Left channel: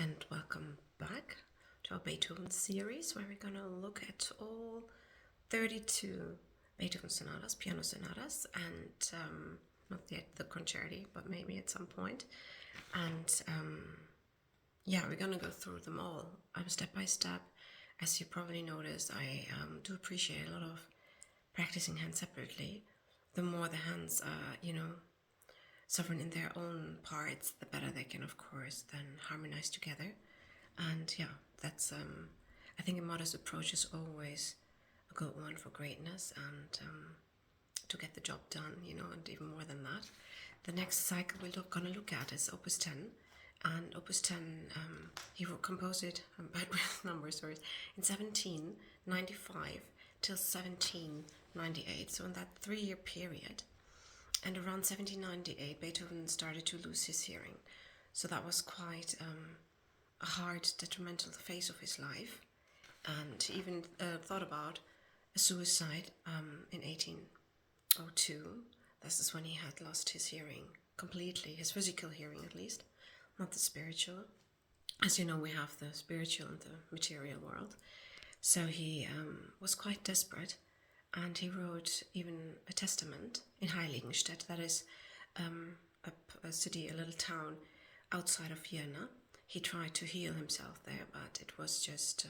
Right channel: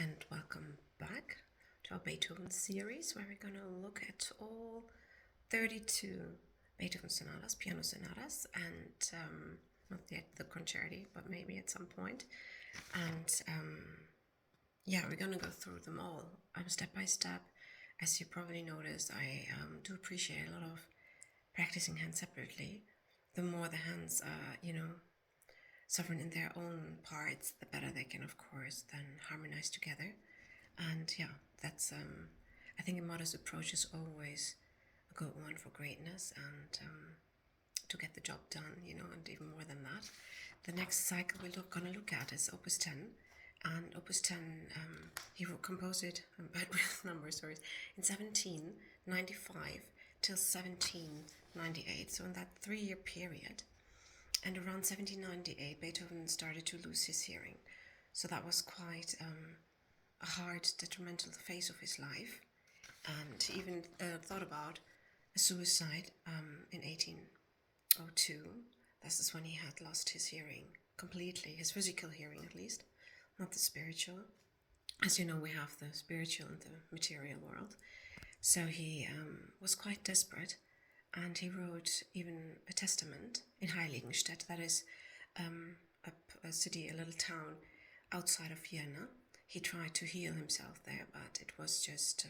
and welcome back to our Beethoven series, where we're going to look at all 32 Beethoven sonatas, piano sonatas, and not yet the concerti, but maybe at some point. And yeah, we're going to go through them all step by step. As you probably noticed, I do appreciate a lot of practicing hands separately. The more the hands are, sovereign in their own parts, the better they can, of course, then harmonize together. And yeah, that's I think a modest approach is always a good one for greatness and to get the job done, and even more than that. The next cycle we're gonna look at is Opus 10, and Opus 10 he composed it, I'm bad with numbers, sorry, in 1795 till 1798. So in that 3-year period. And around 1798, Beethoven started to lose his hearing. So that was quite a hard, detrimental phase of his life. And he even thought about a suicide in 1802. This is when he had lost his hearing completely, his physical hearing at least, not the spiritual. As you know, we have the spiritual and the material world. So he was quite desperate. And he wrote even a testament in Heiligenstadt, that is a city, a little town outside of Vienna. He tried to heal himself there, but it was just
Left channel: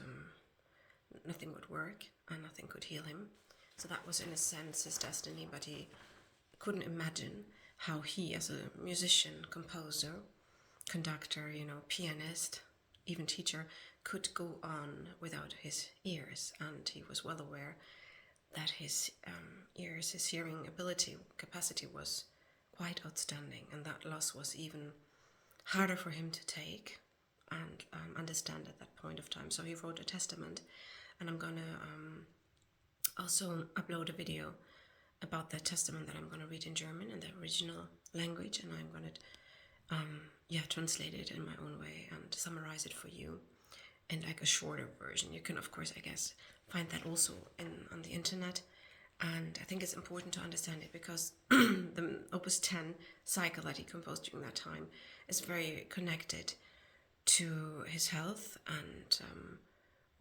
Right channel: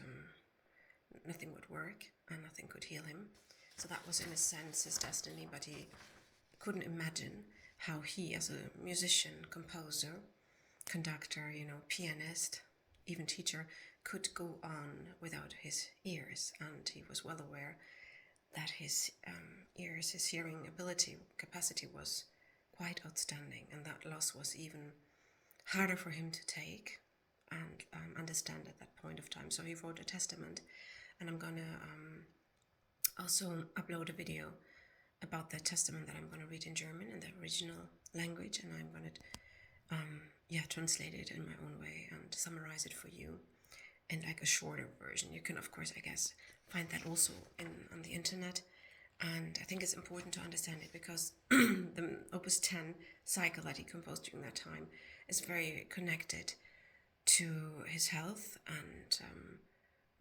nothing would work and nothing could heal him. So that was in a sense his destiny, but he couldn't imagine how he, as a musician, composer, conductor, pianist, even teacher, could go on without his ears. And he was well aware that his ears, his hearing capacity was quite outstanding, and that loss was even harder for him to take and understand at that point of time. So he wrote a testament, and I'm gonna also upload a video about that testament that I'm gonna read in German in the original language, and I'm gonna translate it in my own way and summarize it for you in like a shorter version. You can, of course, I guess, find that also on the internet. And I think it's important to understand it because the Opus 10 cycle that he composed during that time is very connected to his health and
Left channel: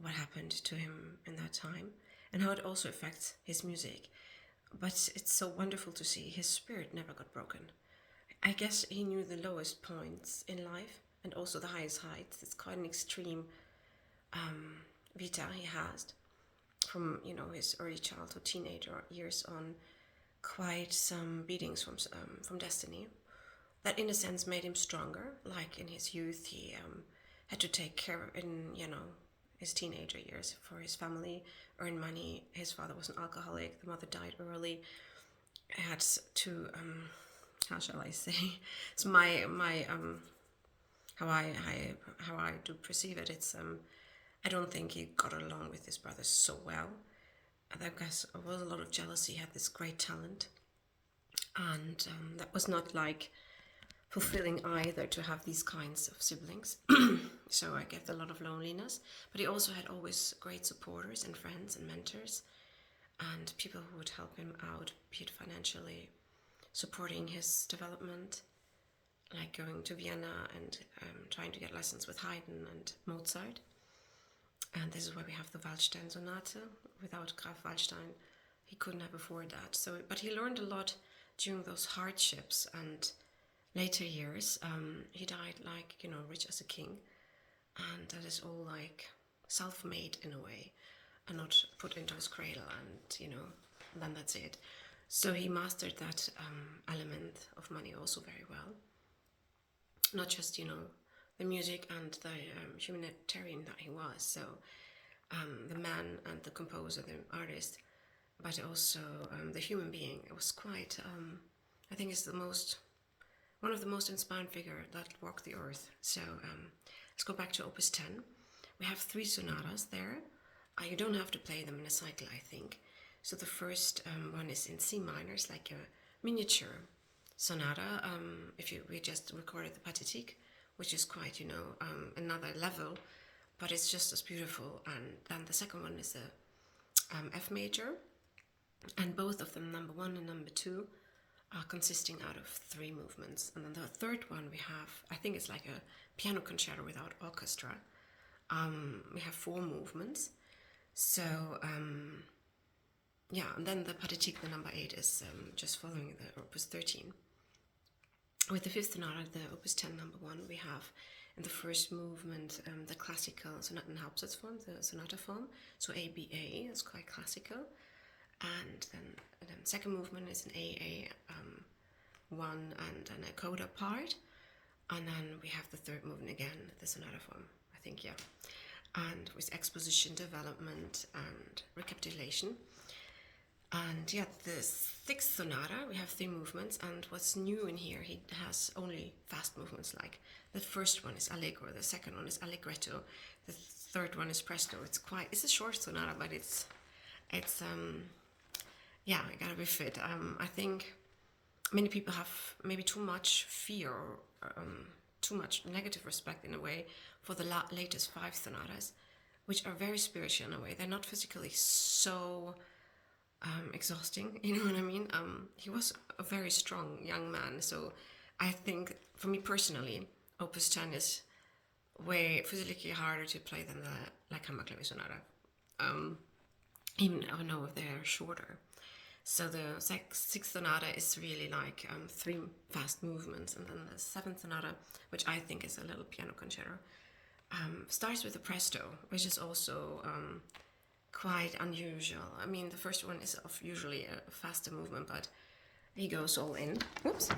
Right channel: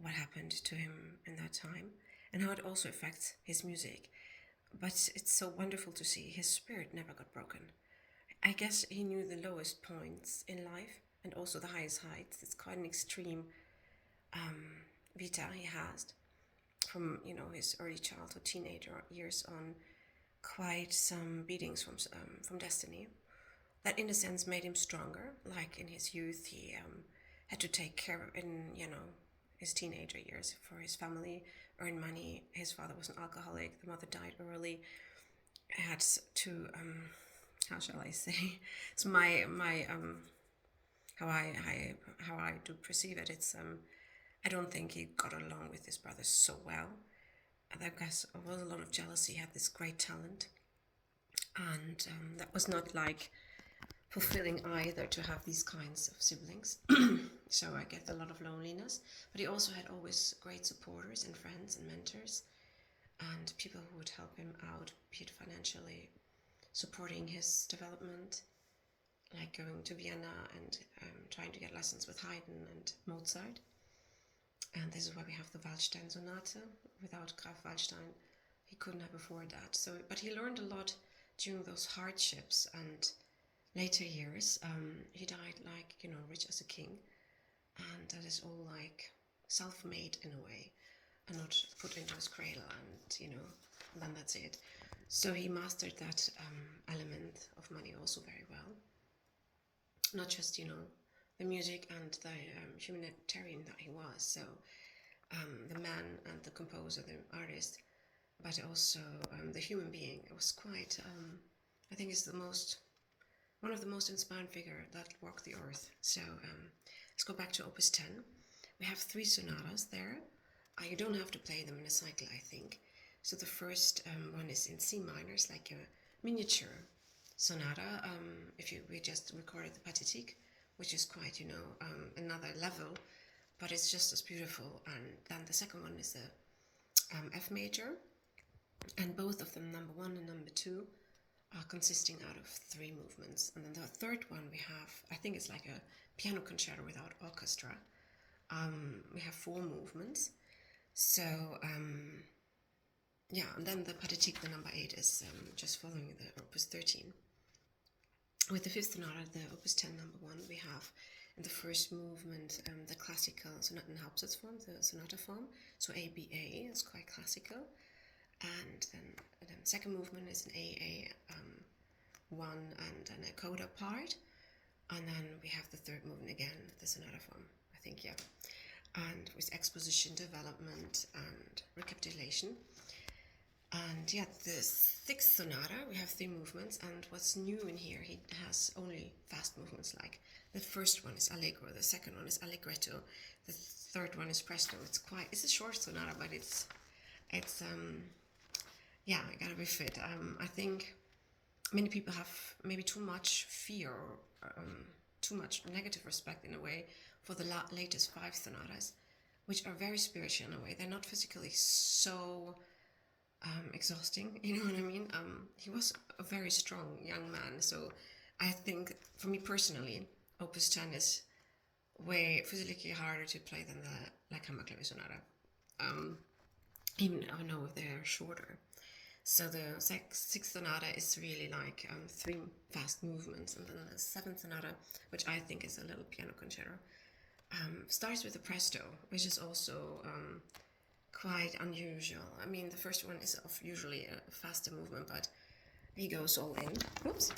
what happened to him in that time and how it also affects his music. But it's so wonderful to see his spirit never got broken. I guess he knew the lowest points in life and also the highest heights. It's quite an extreme vita he has from his early childhood, teenager years on, quite some beatings from destiny that in a sense made him stronger. Like in his youth, he had to take care in his teenager years for his family, earn money. His father was an alcoholic, the mother died early. I had to how shall I say, so my how I do perceive it, it's I don't think he got along with his brothers so well. I guess there was a lot of jealousy. He had this great talent, and that was not like fulfilling either to have these kinds of siblings. So I get a lot of loneliness, but he also had always great supporters and friends and mentors and people who would help him out, be it financially, supporting his development, like going to Vienna and trying to get lessons with Haydn and Mozart. And this is why we have the Waldstein Sonate. Without Graf Waldstein, he couldn't have afforded that. So, but he learned a lot during those hardships and later years. He died like, rich as a king. And that is all like self-made in a way and not put into his cradle and, and then that's it. So he mastered that element of money also very well. Not just, the music and the humanitarian that he was, so the man and the composer, the artist, but also the human being. It was quite, I think it's one of the most inspiring figure that walked the earth. So let's go back to Opus 10. We have 3 sonatas there. You don't have to play them in a cycle, I think. So the first one is in C minor, it's like a miniature sonata. We just recorded the Pathétique, which is quite, another level, but it's just as beautiful. And then the second one is a F major, and both of them, number 1 and number 2, are consisting out of 3 movements. And then the third one we have, I think it's like a piano concerto without orchestra. We have 4 movements. So yeah, and then the Pathetique, the number 8, is just following the Opus 13. With the Fifth Sonata, the Opus 10 number 1, we have in the first movement the classical Sonatenhauptsatz form, the sonata form, so ABA is quite classical, and then second movement is an AA one and an a coda part, and then we have the third movement again, the sonata form, I think, yeah, and with exposition, development, and recapitulation. And yeah, the sixth sonata, we have 3 movements, and what's new in here, he has only fast movements. Like the first one is allegro, the second one is allegretto, the third one is presto. It's a short sonata, but it's yeah, it gotta be fit. I think many people have maybe too much fear, or too much negative respect in a way for the latest 5 sonatas, which are very spiritual in a way. They're not physically so exhausting, you know what I mean? He was a very strong young man, so I think for me personally, Opus 10 is way physically harder to play than the like Hammerklavier Sonata, even though they're shorter. So the sixth sonata is really like 3 fast movements, and then the seventh sonata, which I think is a little piano concerto, starts with a presto, which is also quite unusual. I mean, the first one is usually a faster movement, but he goes all in. Oops.